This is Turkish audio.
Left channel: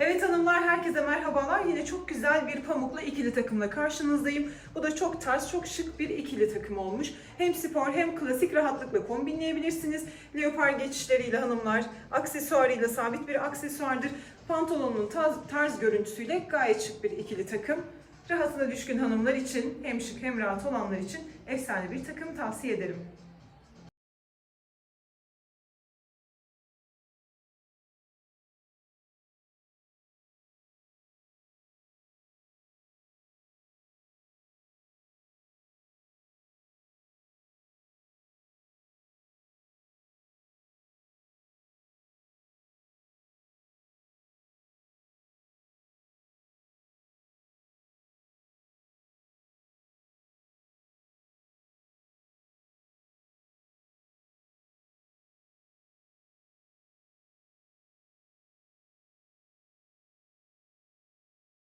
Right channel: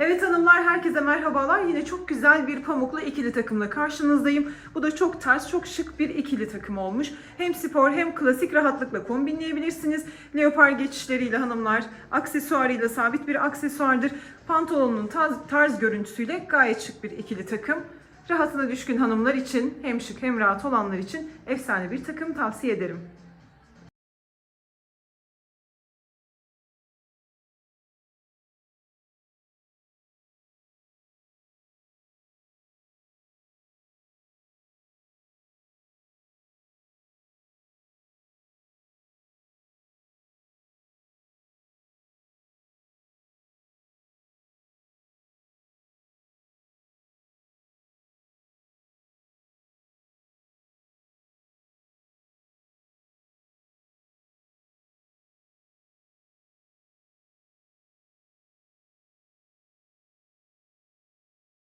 Evet hanımlar herkese merhabalar. Yine çok güzel bir pamuklu ikili takımla karşınızdayım. Bu da çok tarz, çok şık bir ikili takım olmuş. Hem spor hem klasik rahatlıkla kombinleyebilirsiniz. Leopar geçişleriyle hanımlar, aksesuarıyla sabit bir aksesuardır. Pantolonun tarz, tarz görüntüsüyle gayet şık bir ikili takım. Rahatına düşkün hanımlar için hem şık hem rahat olanlar için efsane bir takım tavsiye ederim.